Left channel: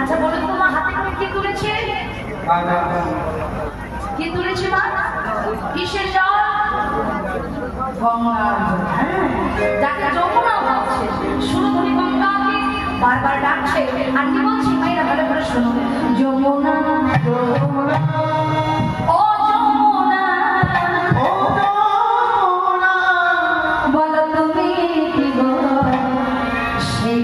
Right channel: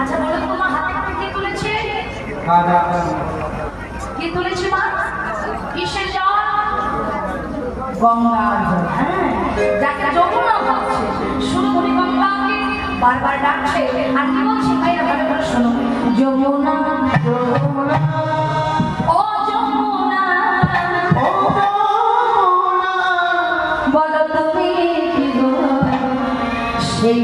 আচ্ছা বলো তো মা, হাতে করে কি তুলেছে? কি তুলেছে মা? কিসের জল? গঙ্গার জল। হ্যাঁ, যাকে যমুনা ভাবছে, শুনো তুমি গঙ্গাকে বারবার ডাকছে। আর কি বলছি ভাইরা, ভালো করে শোনো। যমুনা যমুনা ও যমুনা, ও যমুনা, বলো তুমি কি গো সেই